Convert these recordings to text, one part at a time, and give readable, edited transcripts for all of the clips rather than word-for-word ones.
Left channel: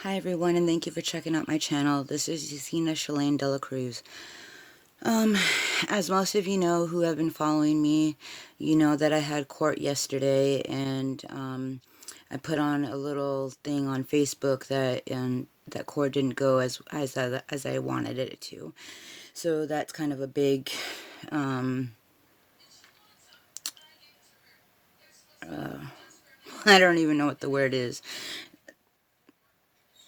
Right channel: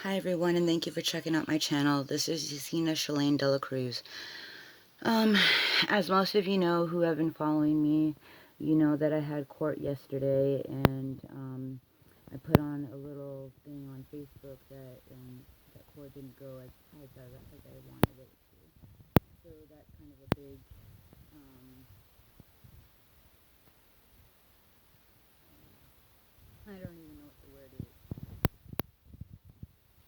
Hi everyone, and thank you for checking out my channel. This is Yesenia Shalane Dela Cruz. Um, as most of you know who have been following me, you know that I had court yesterday, and I put on a little thing on Facebook that court didn't go as I wanted it to. So that's kind of a big I don't even know what the word is.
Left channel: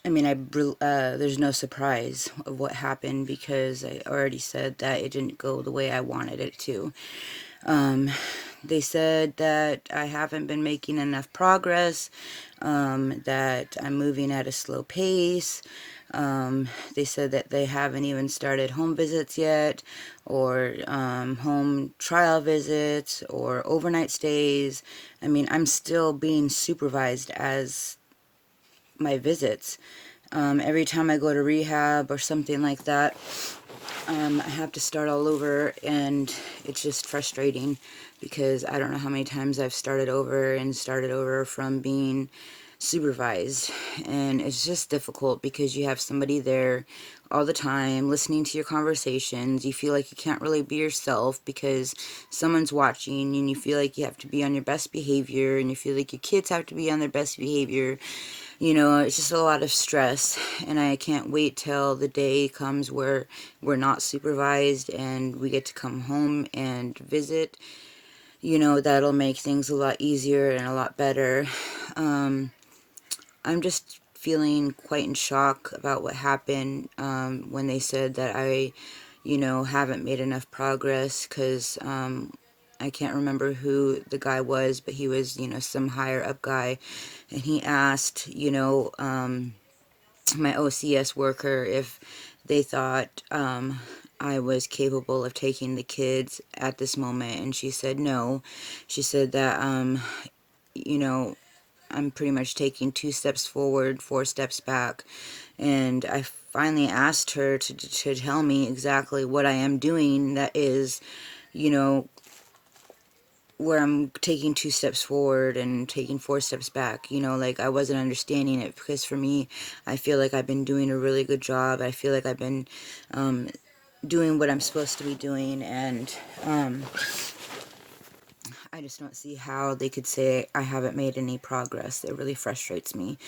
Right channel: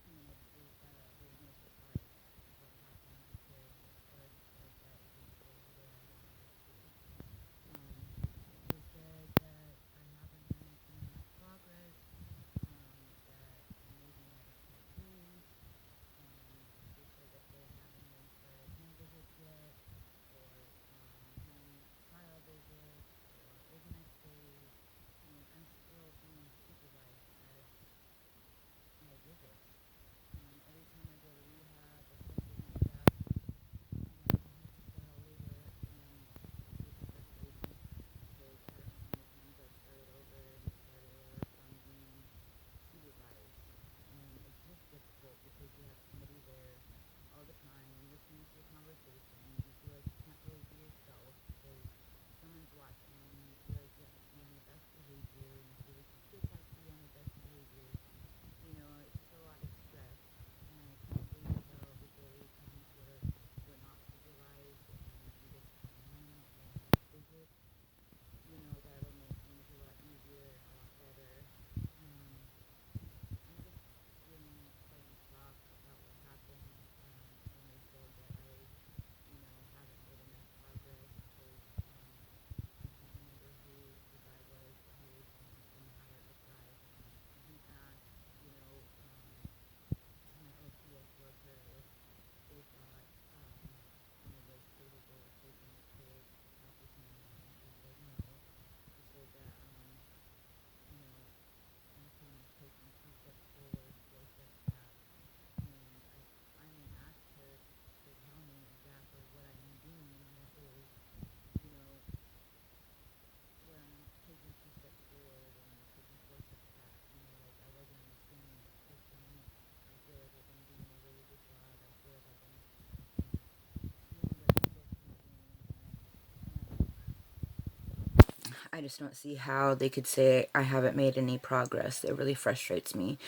I mean, there's no surprise of what happened because I already said that it didn't go the way I wanted it to. Um, they said that I haven't been making enough progress, that I'm moving at a slow pace. They said that they haven't even started home visits yet, or home trial visits, or overnight stays. I mean, I'm still being supervised as my visits. Every time I go to rehab or something like that, I have to start all over, and it's just frustrating because I don't know how many times I've started over from being supervised, and it's just difficult because you have somebody there all the time listening to your conversations. You feel like you can't really be yourself because someone's watching, and you feel like you have to be on your best behavior, and you feel like your kids have to be on their best behavior. You know, it's just a lot of stress, and I can't wait till the day comes where we're not supervised and we get to come home and visit. You know, that'll make things a lot easier and a lot better. I'm just feeling quite in shock about what happened when they said that I, haven't made enough progress because I can't remember who the guy was, but he was, some higher up guy. And he asked, my OCS worker if they thought I was capable of taking the kids at this moment. And she said no. She said that, you know, I'm pretty much taking 2 steps forward, 4 steps back. And I finally asked her to tell me exactly what I am doing that is, you know, where I'm taking 2 steps forward and taking 4 steps back. Like I wasn't understanding it because for me, I feel like I've been doing a really good job. I feel like I've been doing what I'm supposed to be doing, and I just don't see how they could say I haven't made any progress. It really frustrates me.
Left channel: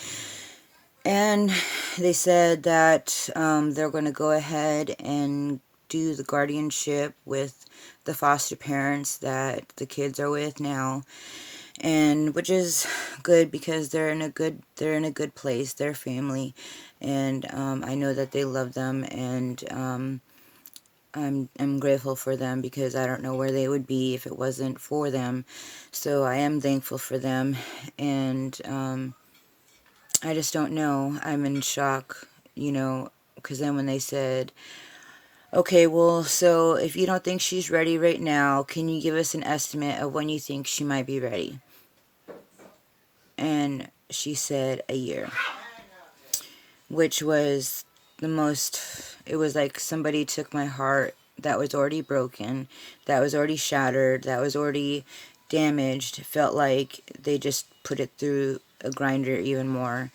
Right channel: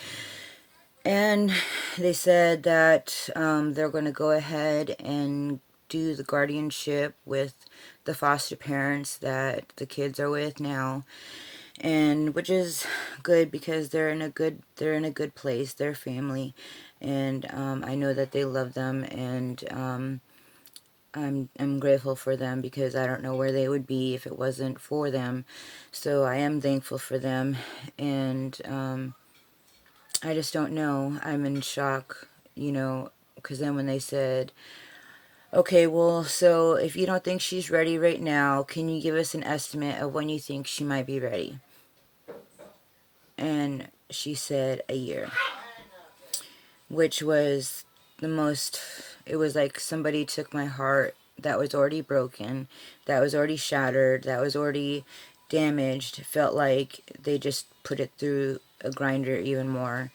And they said that they're going to go ahead and do the guardianship with the foster parents that the kids are with now, and which is good because they're in a good place. They're family, and I know that they love them, and I'm grateful for them because I don't know where they would be if it wasn't for them. So I am thankful for them, and I just don't know. I'm in shock, because then when they said, okay, well, so if you don't think she's ready right now, can you give us an estimate of when you think she might be ready? And she said a year, which was the most, it was like somebody took my heart that was already broken, that was already shattered, that was already damaged. It felt like they just put it through a grinder even more.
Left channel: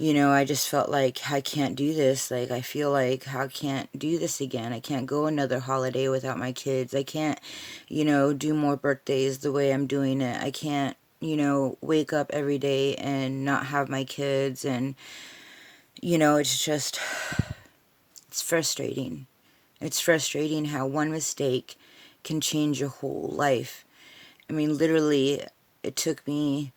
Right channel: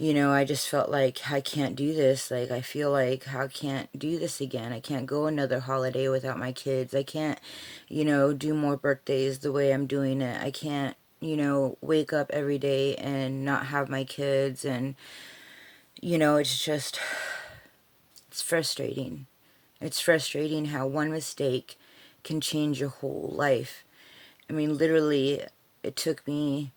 I just felt like I can't do this. Like, I feel like I can't do this again. I can't go another holiday without my kids. I can't, do more birthdays the way I'm doing it. I can't, wake up every day and not have my kids. And, it's just, it's frustrating. It's frustrating how one mistake can change your whole life. I mean, literally, it took me,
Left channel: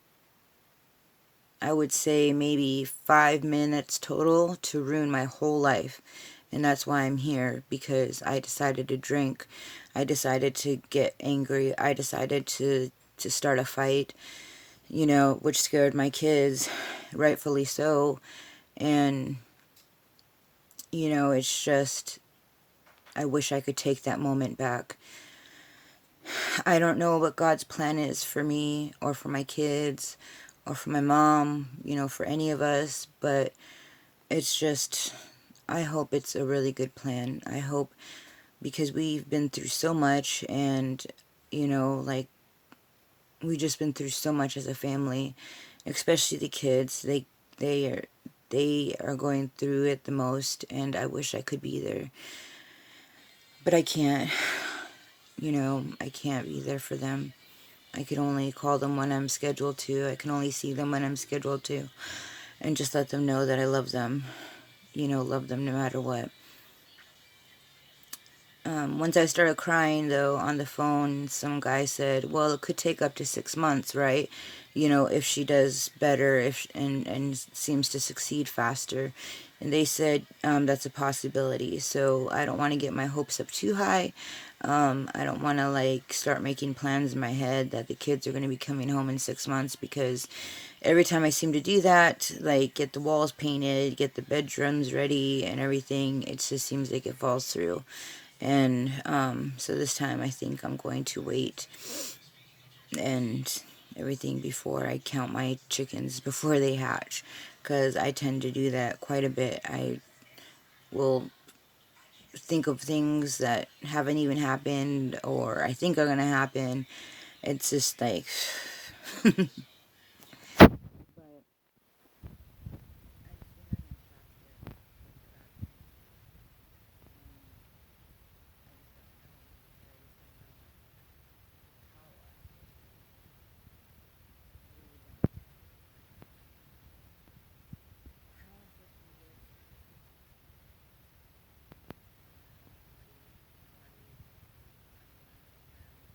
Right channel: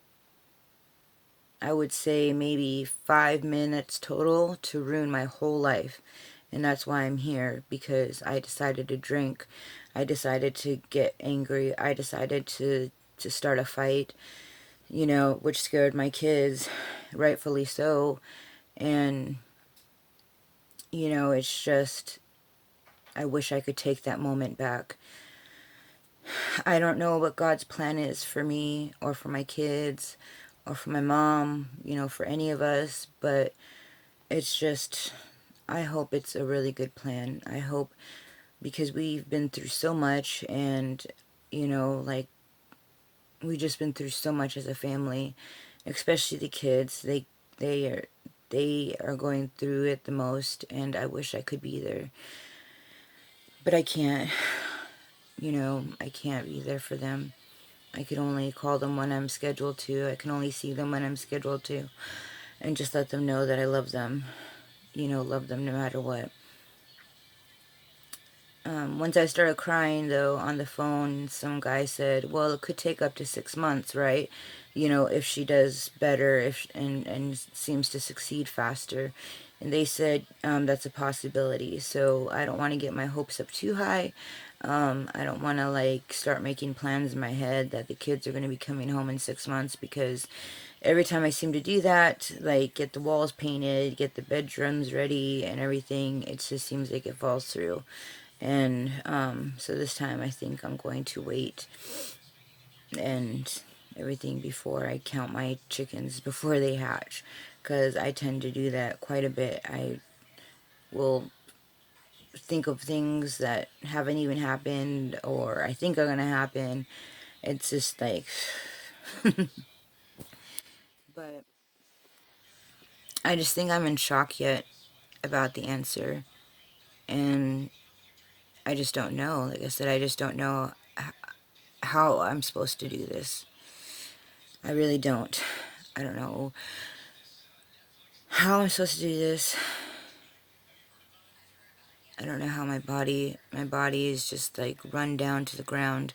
I would say, maybe 5 minutes total to ruin my whole life. And that's why I'm here, because I decided to drink. I decided to get angry. I decided to start a fight, which scared my kids, rightfully so. And, it's just, I wish I could take that moment back. I don't know what God's plan is for me or for my kids or for my mom, for any of us, but it's just, I hope it's a really good plan. I hope, because we've been through so much, and, like, we've just been through so much as a family, especially the kids. They are. they are going through it the most, and I wish I could be there. But I can't, you know, I can't be there for them. I can only call them when I'm scheduled to. I can only see them when I'm scheduled to. And just let them know that I love them. You know, love them no matter what. Once I started crying, though, on the phone, some guy said, well, it could take up to 6 months, right? You know, if she does better and seems to succeed faster. And they said that's a possibility. So I don't want to get my hopes up too high. I don't want to, like, start making plans in my head that the kids are going to be coming home in 6 months, because every time I seem to do that, like, get the walls painted, get the bedrooms ready and everything, it just seems like it falls through. And so this time I think I'm going to wait and everything before I count my chickens before they hatch, because I tend to do that quite a bit. I will think of things that haven't even happened, or I think are going to happen. It's just like... But I just think I'm in shock yet about the answer. And I just don't know. Like I said, I just don't know how I'm supposed to do this. I really don't. I don't know how I'm supposed to do this. I don't know how my body is just like run down to the ground.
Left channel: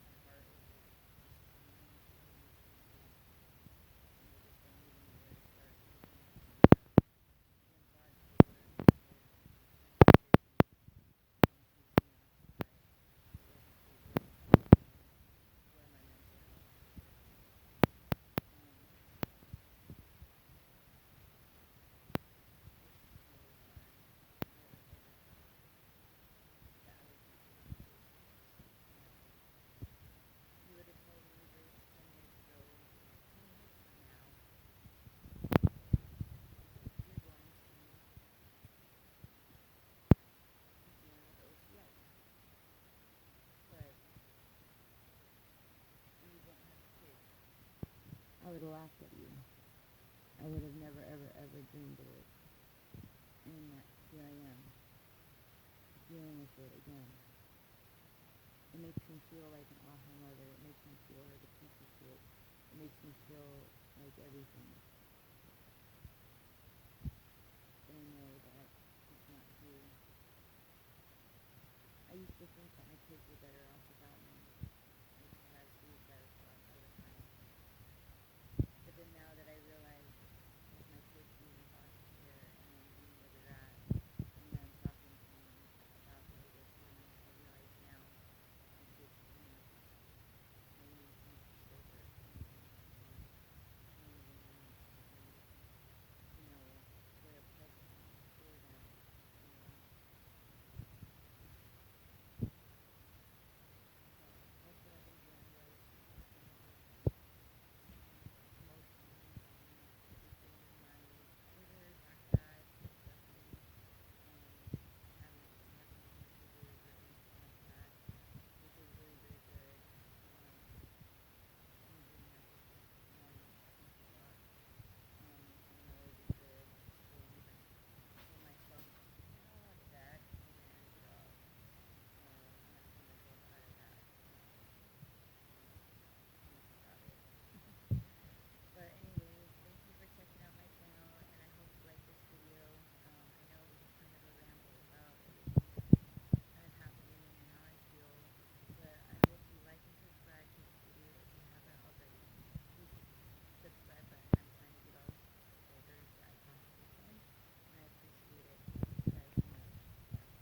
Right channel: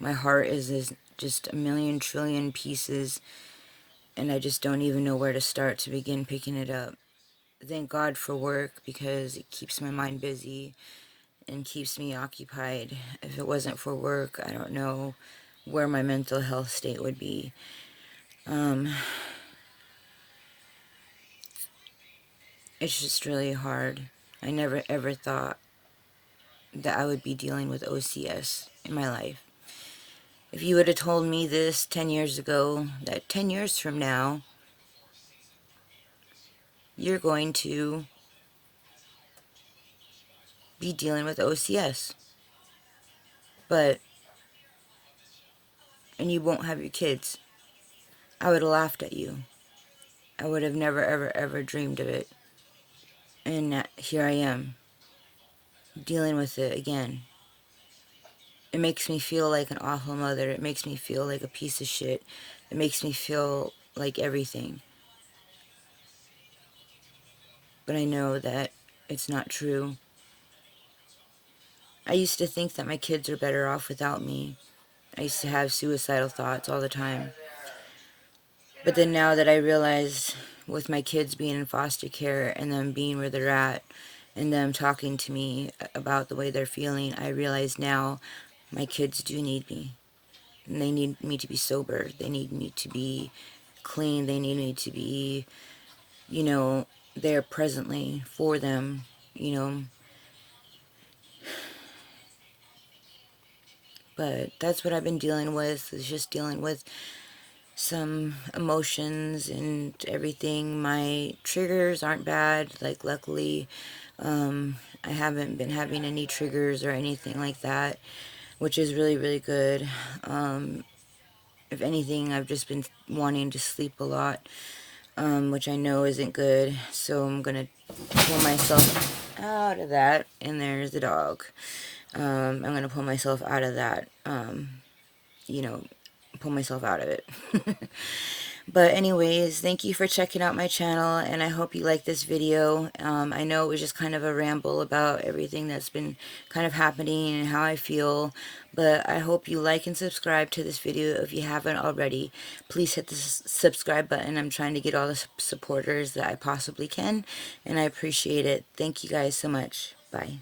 My heart is just a million trillion pieces, and I just don't even know where to start to begin picking it up. Thank God for work, because it keeps my mind busy and keeps me occupied. If it wasn't for work, I don't know where my mental health state would be. It's just really hard. I never ever thought that I would be dealing with OCS in my life. If you would have told me this 10 years ago, that 10 years from now, you're going to be dealing with OCS, and you won't have your kids, I would have laughed at you. I would have never, ever, ever dreamed of it. And here I am, dealing with it again. It makes me feel like an awful mother. It makes me feel like a piece of shit. It makes me feel like everything. But I know that it's not true. I used to think that my kids are better off without me. I used to have suicidal thoughts all the time. But then now that I realize, with my kids being in foster care and them being where they're at and them talking to me about the way they're feeling, I realize now my kids do need me. And they need me to be sober. They need me to be clean. They need me to be, you know, there presently for them, you know. But that's what I've been dealing with, is just dealing with some emotions and everything. My triggers aren't bad. Like, luckily, I haven't been having any triggers or anything like that, which is really, really good. If anything, I've just been wanting to sleep a lot, which I know isn't good. So I'm going to pull myself out of that. And there's the dog. I'm going to pull myself out of that, you know, pull myself out of it. But anyways, thank you for checking out my channel, and I hope you like this video. I know it was just kind of a ramble about everything that's been kind of happening and how I feel, but I hope you like and subscribe to this video if you haven't already. Please hit the subscribe button. I'm trying to get all the supporters that I possibly can, and I appreciate it. Thank you guys so much. Bye.